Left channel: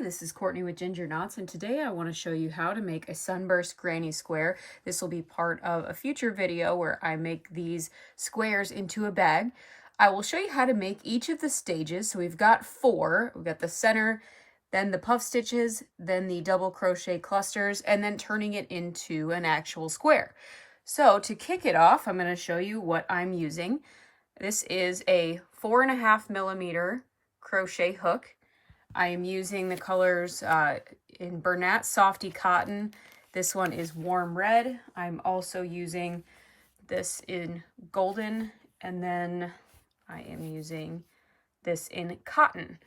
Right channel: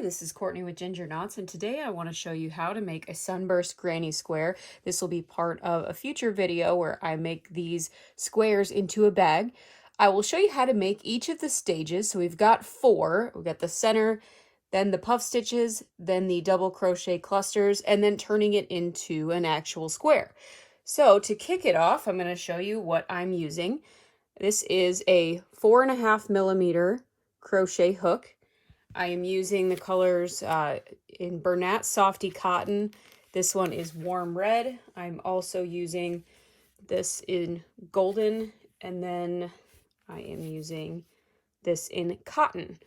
Hi, this is Courtney with Ginger Knots, and today I want to show you how to make a Sunburst granny square. This will be part of a future video where I make these squares into a bag. I will show you how to make each of the stages. So we've got four. We've got the center, then the puff stitches, then the double crochet clusters, and then turning it into an actual square. So to kick it off, I'm going to show you what I'm using. This is a 4.5 millimeter crochet hook. I am using the colors in Bernat Softy Cotton. This one is Warm Red. I'm also using this in Golden, and then I am using this in Cotton.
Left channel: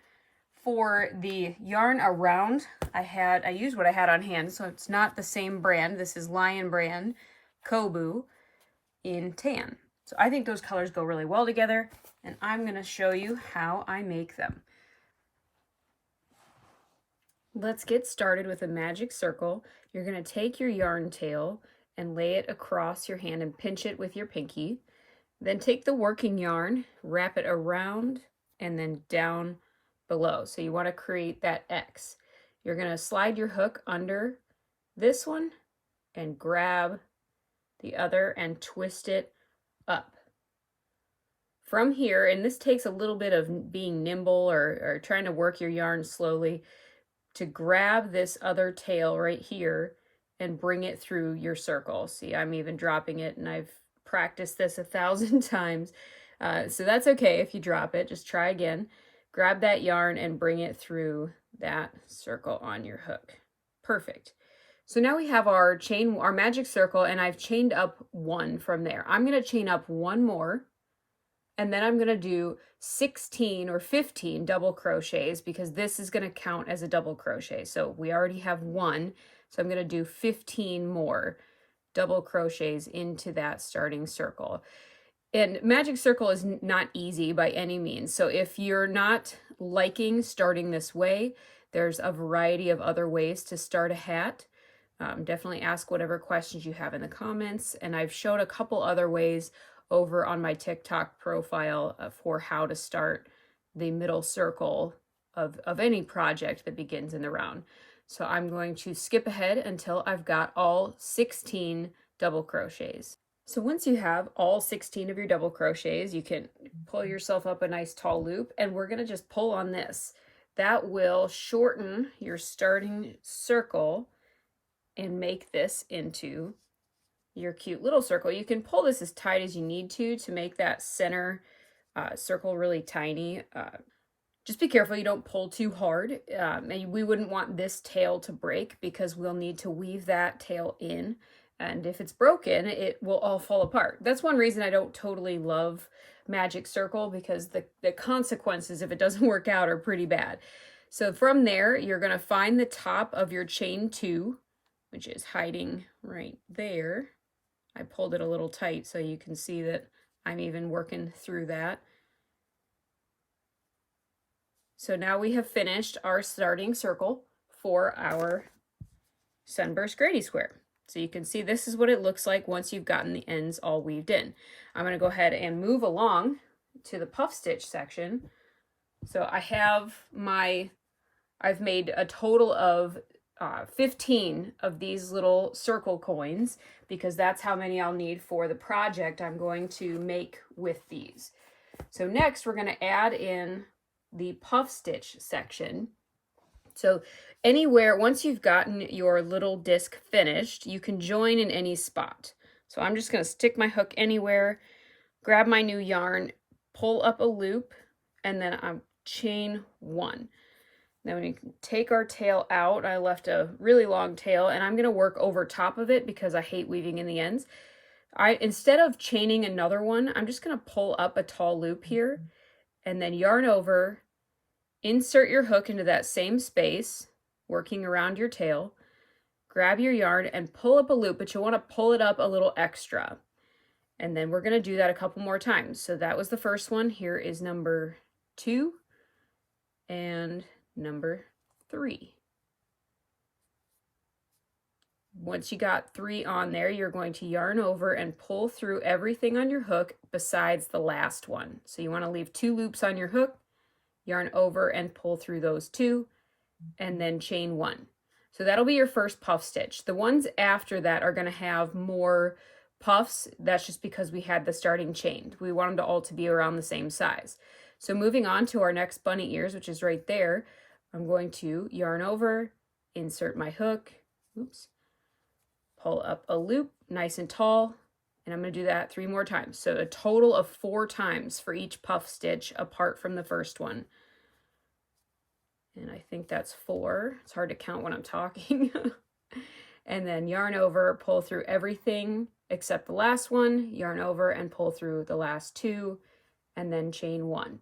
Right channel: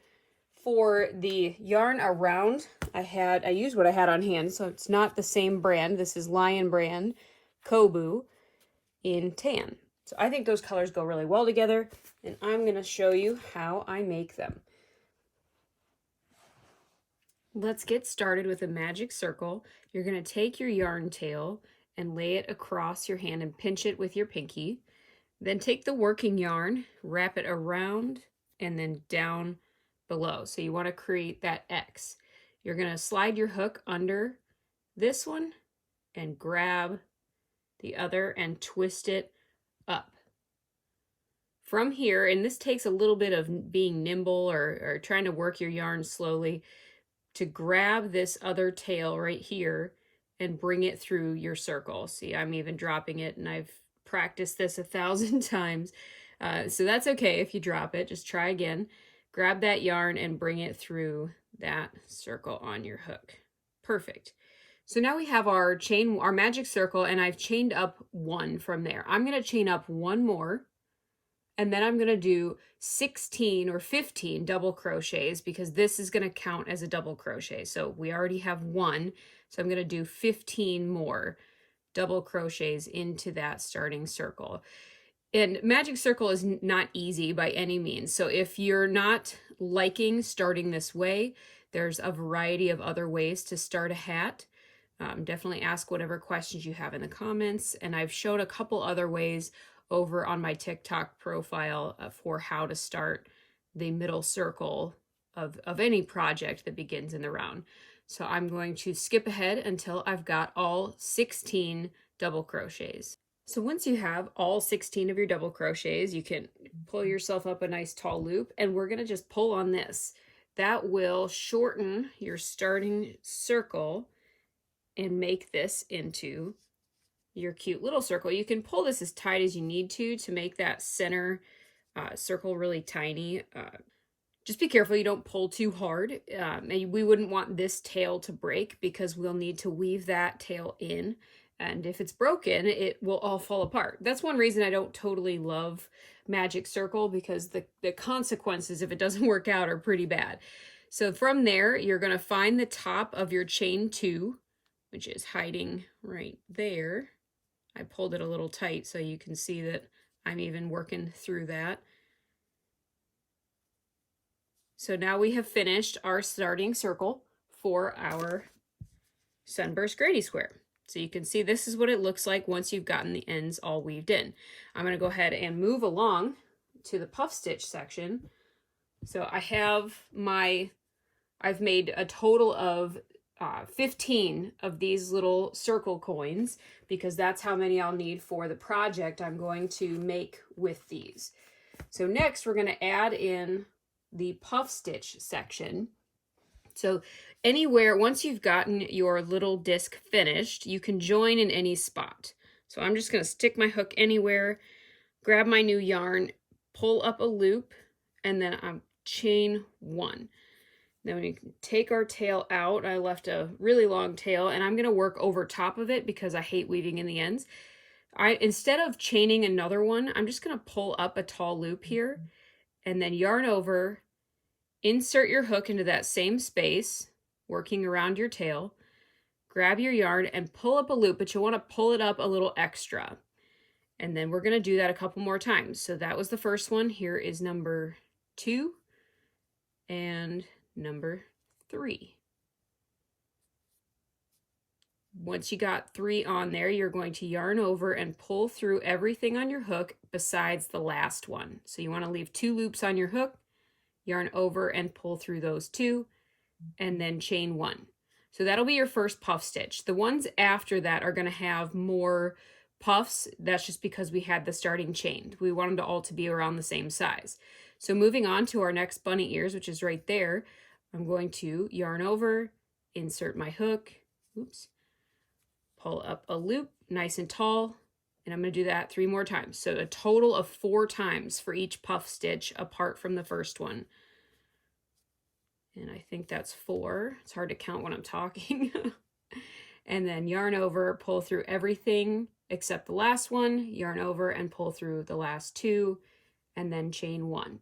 For the yarn around, I used what I had on hand, so it's not the same brand. This is Lion Brand Kobu in Tan. So I think those colors go really well together, and I'm going to show you how I make them. Let's get started with a magic circle. You're going to take your yarn tail and lay it across your hand and pinch it with your pinky. Then take the working yarn, wrap it around and then down below. So you want to create that X. You're going to slide your hook under this one and grab the other and twist it up. From here, and this takes a little bit of being nimble or trying to work your yarn slowly, to grab this other tail right here and bring it through your circle. See, I'm even dropping it, and I've practiced this 1,000 times. So that's okay if you drop it. Just try again. Grab that yarn and bring it through that circle on your hook. Perfect. So now we have our magic circle, and I've chained up one from there. I'm going to chain up one more, and then I'm going to do 16 or 15 double crochets because this is going to count as a double crochet. So we already have one, so I'm going to do 15 more double crochets into that starting circle. And magic circle is not easy by any means. So if you're not liking starting this way, there's a variety of other ways to start a hat. Definitely ask whatever questions you have in the comments. And I've shown a couple other ways over on my TikTok profile for how to start the middle circle of any project that begins in the round. So I'm going to skip ahead until I've got all 16 double crochets. So once you have all 16 of your double crochets, you can pull yourself up a nice tall loop, and we're going to just pull on this. That will shorten your starting circle and make this into your cute little circle. You can pull this as tight as you need to make that center circle really tiny. Just be careful you don't pull too hard. And we wouldn't want this tail to break because we'll need to weave that tail in. And if it's broken, it will all fall apart. That's one reason I don't totally love magic circle, because the consequences if it doesn't work out are pretty bad. So from there, you're going to find the top of your chain 2, which is hiding right there. I pulled it a little tight so you can see that I'm even working through that. So now we have finished our starting circle for our Sunburst granny square. So you can see this is what it looks like once you've gotten the ends all weaved in. I'm going to go ahead and move along to the puff stitch section. So I've made a total of 15 of these little circle coins because that's how many I'll need for the project I'm going to make with these. So next we're going to add in the puff stitch section. So anywhere, once you've gotten your little disc finished, you can join in any spot. So I'm just going to stick my hook anywhere, grab my new yarn, pull up a loop, and then I'm chain 1. Then we can take our tail out. I left a really long tail, and I'm going to work over top of it because I hate weaving in the ends. Instead of chaining another one, I'm just going to pull up a tall loop here and then yarn over, insert your hook into that same space, working around your tail, grab your yarn and pull up a loop, but you want to pull it up a little extra. And then we're going to do that a couple more times. So that was the first one. Here is number 2 and number 3. Once you got 3 on there, you're going to yarn over and pull through everything on your hook besides the last one. So you want to leave 2 loops on your hook, yarn over and pull through those 2, and then chain 1. So that'll be your first puff stitch. The ones after that are going to have more puffs. That's just because we had the starting chain. We want them to all to be around the same size. So moving on to our next bunny ears, which is right there, I'm going to yarn over, insert my hook, oops, pull up a loop nice and tall, and I'm going to do that 3 more times. So a total of 4 times for each puff stitch apart from the first one. And I think that's 4. It's hard to count when I'm talking. And then yarn over, pull through everything except the last one, yarn over and pull through the last 2, and then chain 1.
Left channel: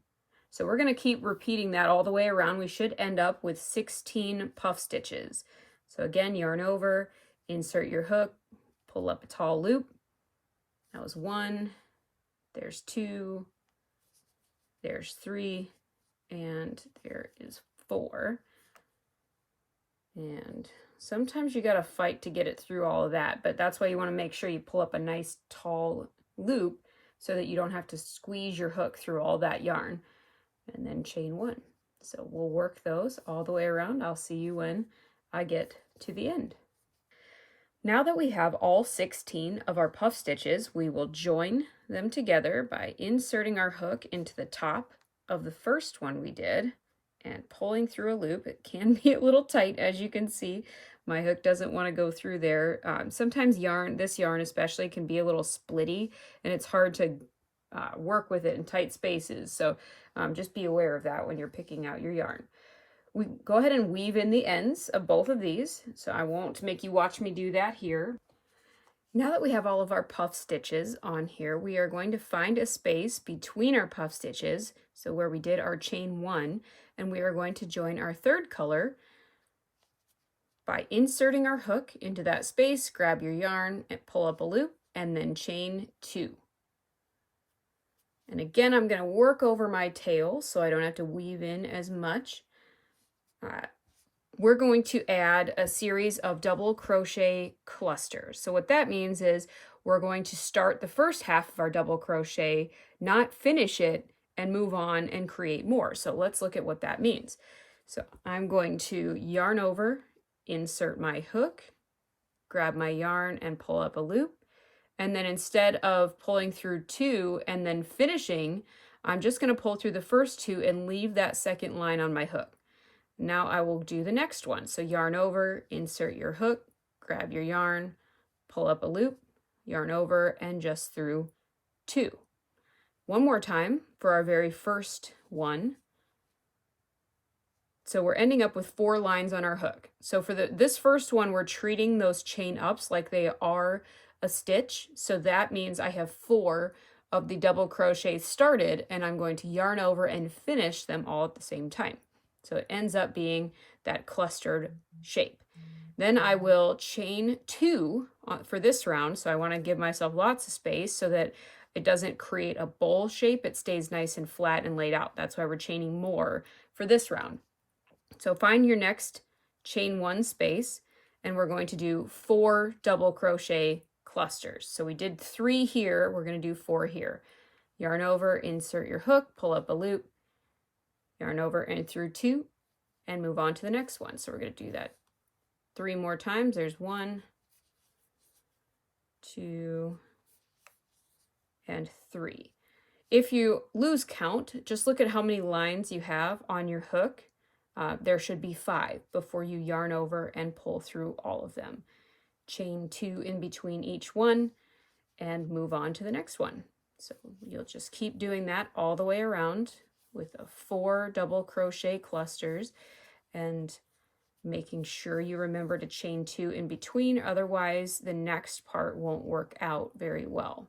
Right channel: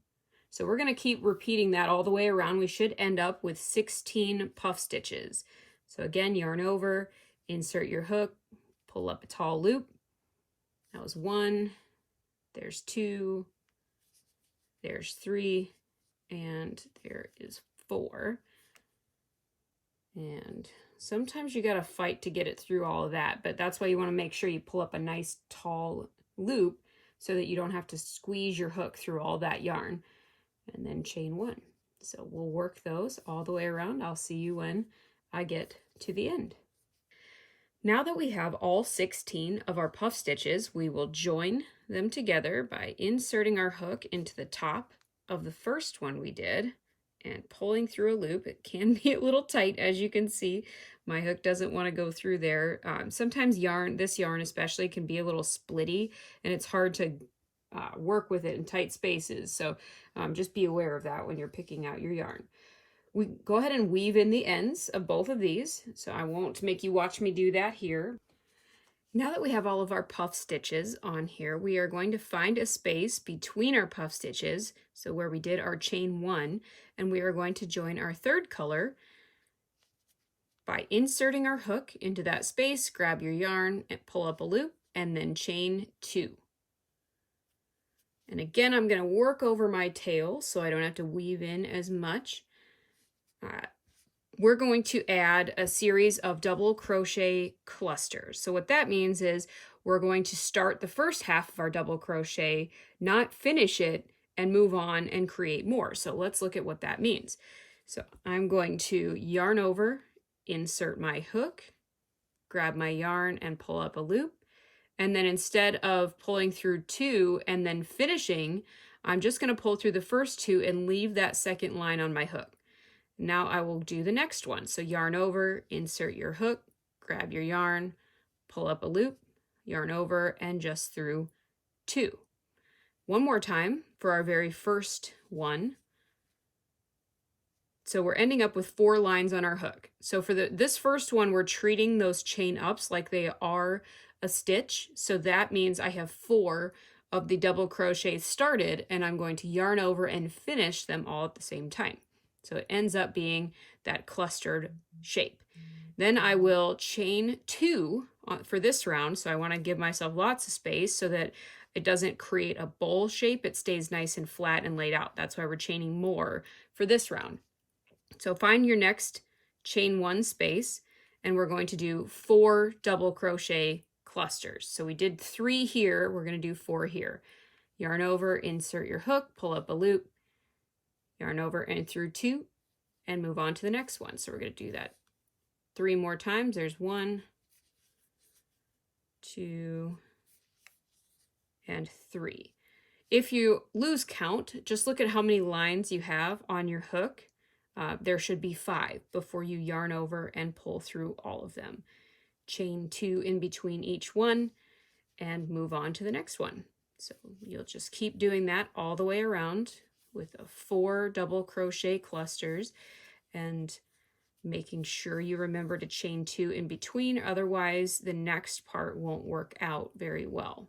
So we're going to keep repeating that all the way around. We should end up with 16 puff stitches. So again, yarn over, insert your hook, pull up a tall loop. That was 1, there's 2, there's 3, and there is 4. And sometimes you got to fight to get it through all of that, but that's why you want to make sure you pull up a nice tall loop so that you don't have to squeeze your hook through all that yarn. And then chain 1. So we'll work those all the way around. I'll see you when I get to the end. Now that we have all 16 of our puff stitches, we will join them together by inserting our hook into the top of the first one we did and pulling through a loop. It can be a little tight, as you can see. My hook doesn't want to go through there. Sometimes this yarn especially, can be a little splitty, and it's hard to work with it in tight spaces. So just be aware of that when you're picking out your yarn. We go ahead and weave in the ends of both of these, so I won't make you watch me do that here. Now that we have all of our puff stitches on here, we are going to find a space between our puff stitches, so where we did our chain 1, and we are going to join our third color by inserting our hook into that space, grab your yarn and pull up a loop, and then chain 2. And again, I'm going to work over my tail so I don't have to weave in as much. We're going to add a series of double crochet clusters. So what that means is we're going to start the first half of our double crochet, not finish it, and move on and create more. So let's look at what that means. So I'm going to yarn over, insert my hook, grab my yarn and pull up a loop. And then instead of pulling through 2 and then finishing, I'm just going to pull through the first 2 and leave that second line on my hook. Now I will do the next one. So yarn over, insert your hook, grab your yarn, pull up a loop, yarn over, and just through 2. One more time for our very first one. So we're ending up with 4 lines on our hook. So for this first one, we're treating those chain ups like they are a stitch. So that means I have 4 of the double crochets started, and I'm going to yarn over and finish them all at the same time. So it ends up being that clustered shape. Then I will chain 2 for this round. So I want to give myself lots of space so that it doesn't create a bowl shape. It stays nice and flat and laid out. That's why we're chaining more for this round. So find your next chain 1 space, and we're going to do 4 double crochet clusters. So we did 3 here. We're going to do 4 here. Yarn over, insert your hook, pull up a loop, yarn over and through 2, and move on to the next one. So we're going to do that 3 more times. There's 1, 2, and 3. If you lose count, just look at how many lines you have on your hook. There should be 5 before you yarn over and pull through all of them. Chain 2 in between each one and move on to the next one. So you'll just keep doing that all the way around with 4 double crochet clusters and making sure you remember to chain 2 in between, otherwise the next part won't work out very well.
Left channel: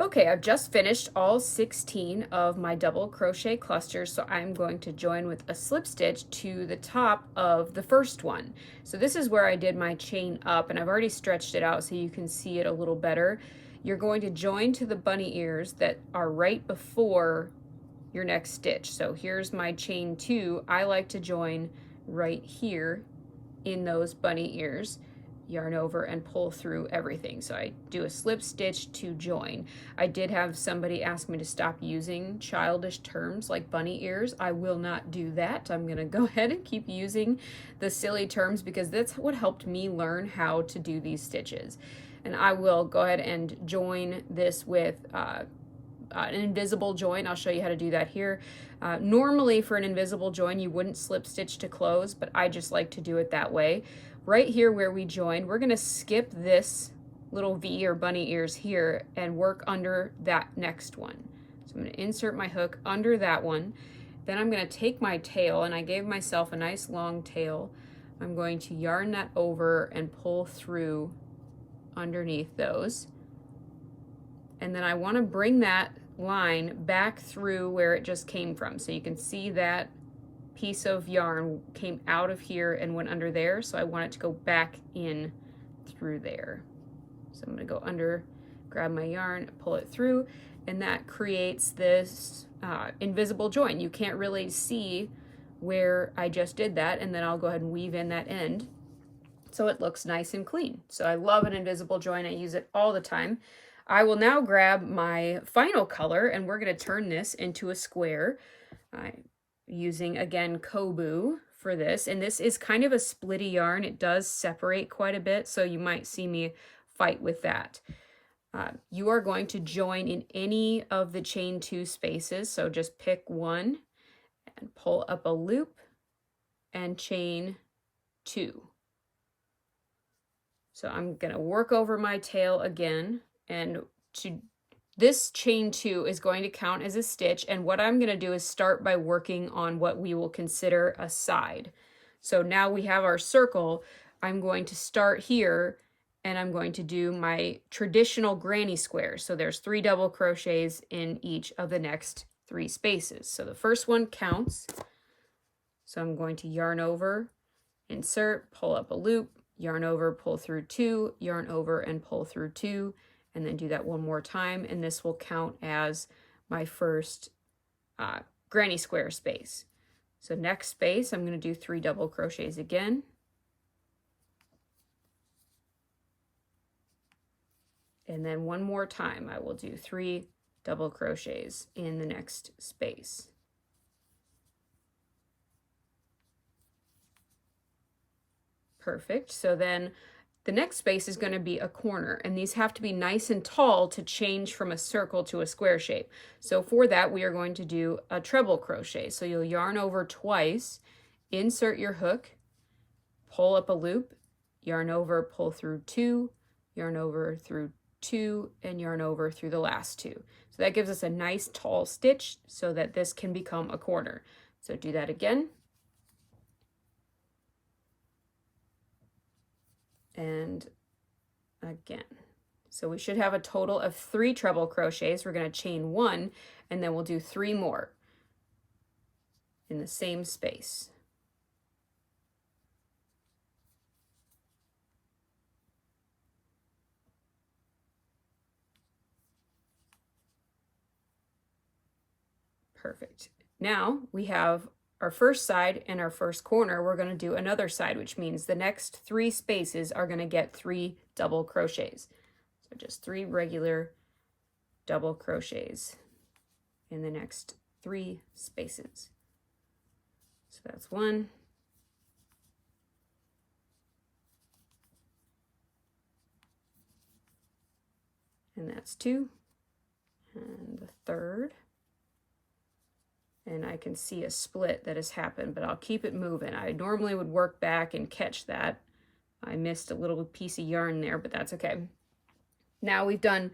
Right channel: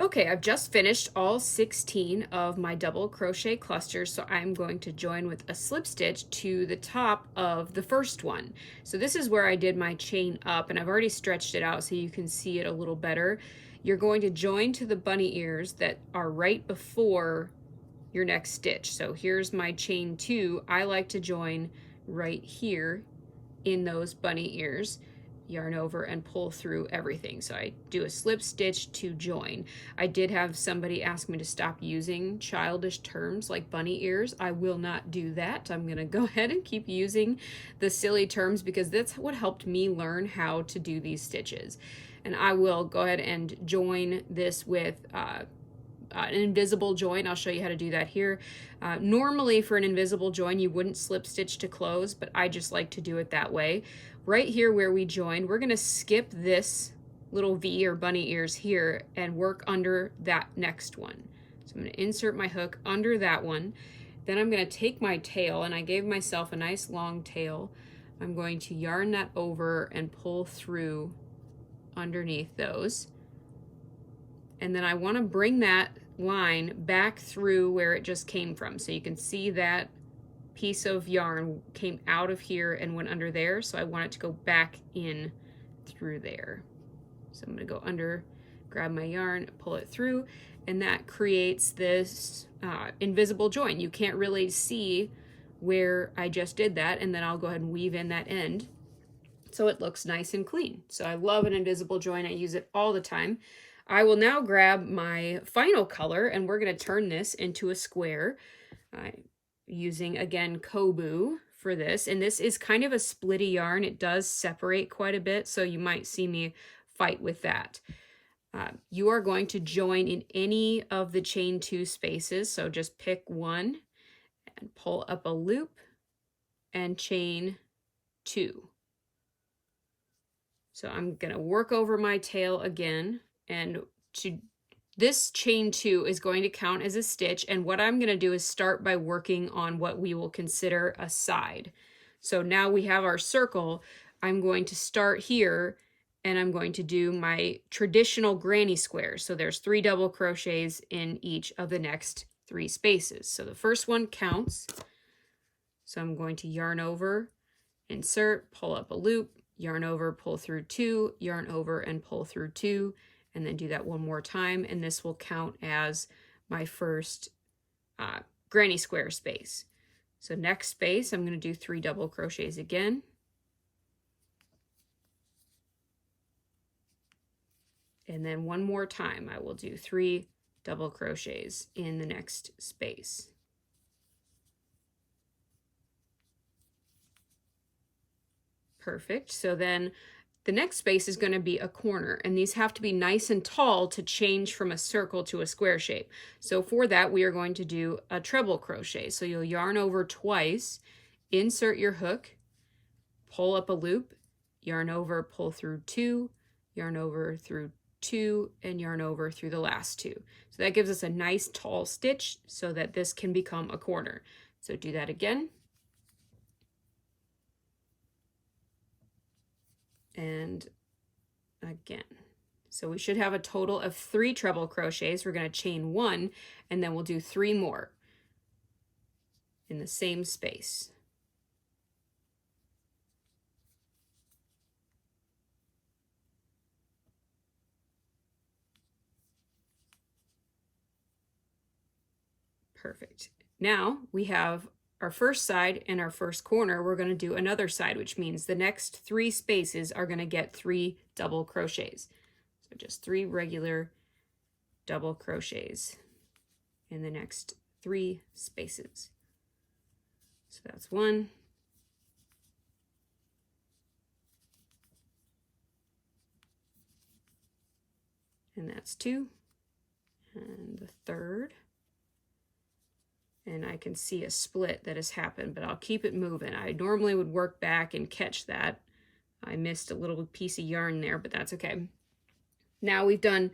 Okay, I've just finished all 16 of my double crochet clusters, so I'm going to join with a slip stitch to the top of the first one. So this is where I did my chain up, and I've already stretched it out so you can see it a little better. You're going to join to the bunny ears that are right before your next stitch. So here's my chain 2. I like to join right here in those bunny ears, yarn over and pull through everything. So I do a slip stitch to join. I did have somebody ask me to stop using childish terms like bunny ears. I will not do that. I'm gonna go ahead and keep using the silly terms because that's what helped me learn how to do these stitches. And I will go ahead and join this with an invisible join. I'll show you how to do that here. Normally for an invisible join you wouldn't slip stitch to close, but I just like to do it that way. Right here where we joined, we're gonna skip this little V or bunny ears here and work under that next one. So I'm gonna insert my hook under that one. Then I'm gonna take my tail, and I gave myself a nice long tail. I'm going to yarn that over and pull through underneath those. And then I wanna bring that line back through where it just came from. So you can see that piece of yarn came out of here and went under there, so I want it to go back in through there. So I'm going to go under, grab my yarn, pull it through, and that creates this invisible join. You can't really see where I just did that, and then I'll go ahead and weave in that end so it looks nice and clean. So I love an invisible join. I use it all the time. I will now grab my final color, and we're going to turn this into a square. Using again Kobu for this, and this is kind of a splitty yarn. It does separate quite a bit, so you might see me fight with that. You are going to join in any of the chain 2 spaces, so just pick one and pull up a loop and chain 2. So I'm gonna work over my tail again, and this chain 2 is going to count as a stitch, and what I'm going to do is start by working on what we will consider a side. So now we have our circle. I'm going to start here, and I'm going to do my traditional granny squares. So there's 3 double crochets in each of the next 3 spaces. So the first one counts. So I'm going to yarn over, insert, pull up a loop, yarn over, pull through 2, yarn over and pull through 2, and then do that one more time, and this will count as my first granny square space. So next space, I'm going to do 3 double crochets again. And then one more time, I will do 3 double crochets in the next space. Perfect. So then the next space is going to be a corner, and these have to be nice and tall to change from a circle to a square shape. So for that, we are going to do a treble crochet. So you'll yarn over twice, insert your hook, pull up a loop, yarn over, pull through 2, yarn over through 2, and yarn over through the last 2. So that gives us a nice tall stitch so that this can become a corner. So do that again. And again. So we should have a total of 3 treble crochets. We're going to chain 1, and then we'll do 3 more in the same space. Perfect. Now we have our first side and our first corner. We're going to do another side, which means the next 3 spaces are going to get 3 double crochets. So just 3 regular double crochets in the next 3 spaces. So that's 1. And that's 2. And the 3rd. And I can see a split that has happened, but I'll keep it moving. I normally would work back and catch that. I missed a little piece of yarn there, but that's okay. Now we've done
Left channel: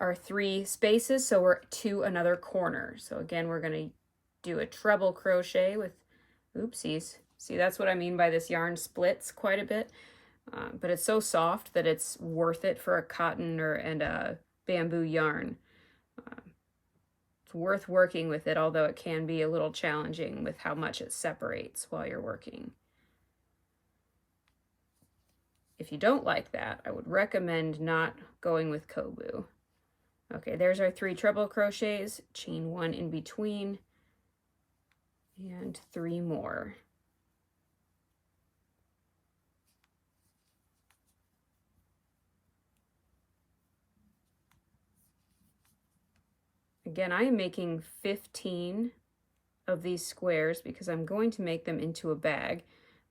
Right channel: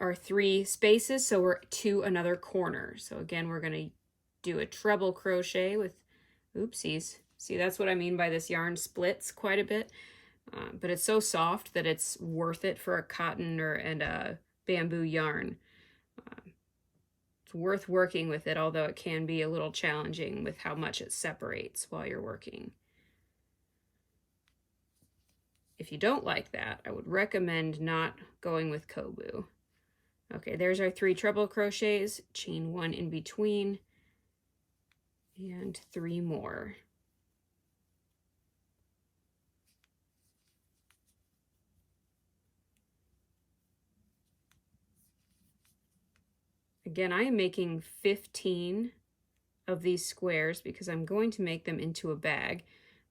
our 3 spaces, so we're to another corner. So again, we're going to do a treble crochet with, oopsies. See, that's what I mean by this yarn splits quite a bit, but it's so soft that it's worth it for a cotton and a bamboo yarn. It's worth working with it, although it can be a little challenging with how much it separates while you're working. If you don't like that, I would recommend not going with Kobu. Okay, there's our 3 treble crochets, chain 1 in between, and 3 more. Again, I am making 15 of these squares because I'm going to make them into a bag.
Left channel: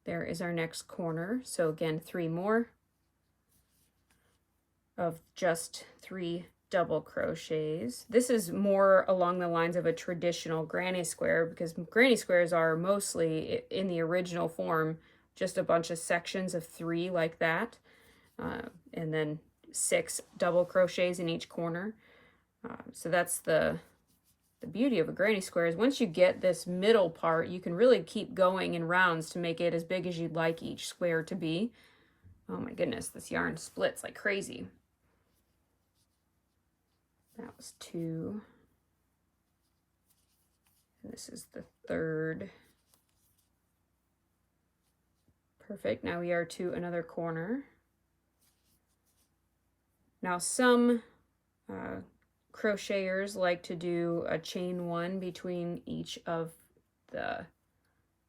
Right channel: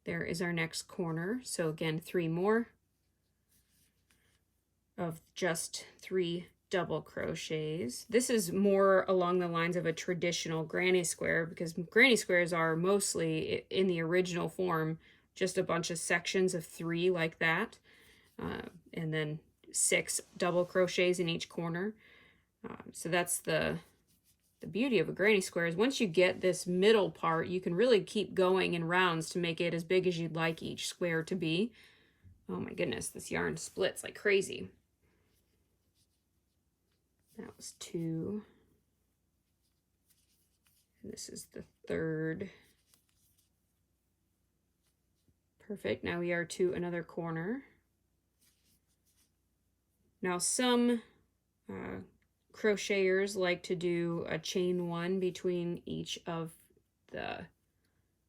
There is our next corner. So again, 3 more of just 3 double crochets. This is more along the lines of a traditional granny square because granny squares are mostly in the original form just a bunch of sections of 3 like that, and then 6 double crochets in each corner. So that's the beauty of a granny square is once you get this middle part, you can really keep going in rounds to make it as big as you'd like each square to be. Oh my goodness, this yarn splits like crazy. That was 2. And this is the 3rd. Perfect. Now we are to another corner. Now some crocheters like to do a chain 1 between each of the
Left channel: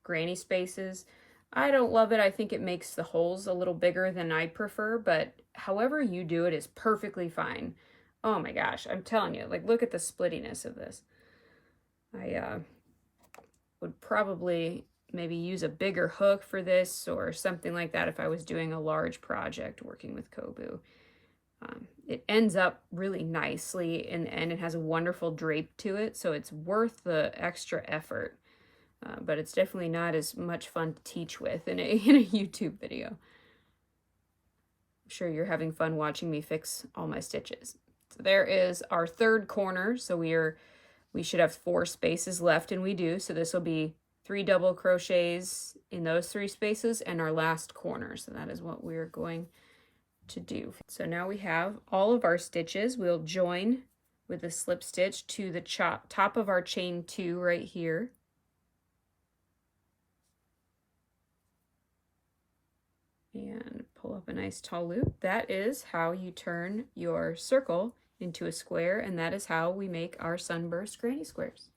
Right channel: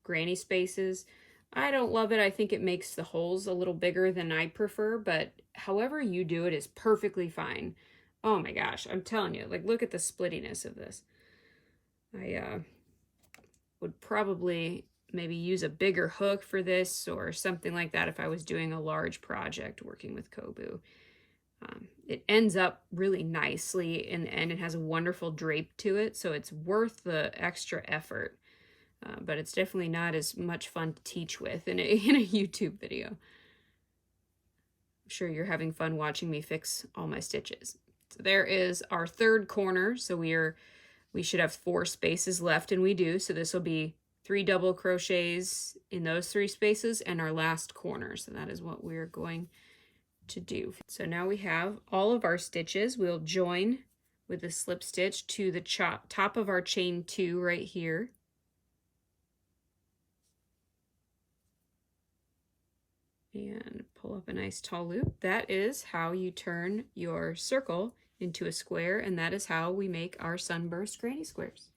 granny spaces. I don't love it. I think it makes the holes a little bigger than I prefer, but however you do it is perfectly fine. Oh my gosh, I'm telling you, like, look at the splittiness of this. I would probably maybe use a bigger hook for this or something like that if I was doing a large project working with Kobu. It ends up really nicely in the end. It has a wonderful drape to it, so it's worth the extra effort. But it's definitely not as much fun to teach with in a YouTube video. I'm sure you're having fun watching me fix all my stitches. So there is our 3rd corner. So we should have 4 spaces left, and we do. So this will be 3 double crochets in those 3 spaces and our last corner. So that is what we're going to do. So now we have all of our stitches. We'll join with a slip stitch to the top of our chain 2 right here. And pull up a nice tall loop. That is how you turn your circle into a square, and that is how we make our Sunburst granny squares.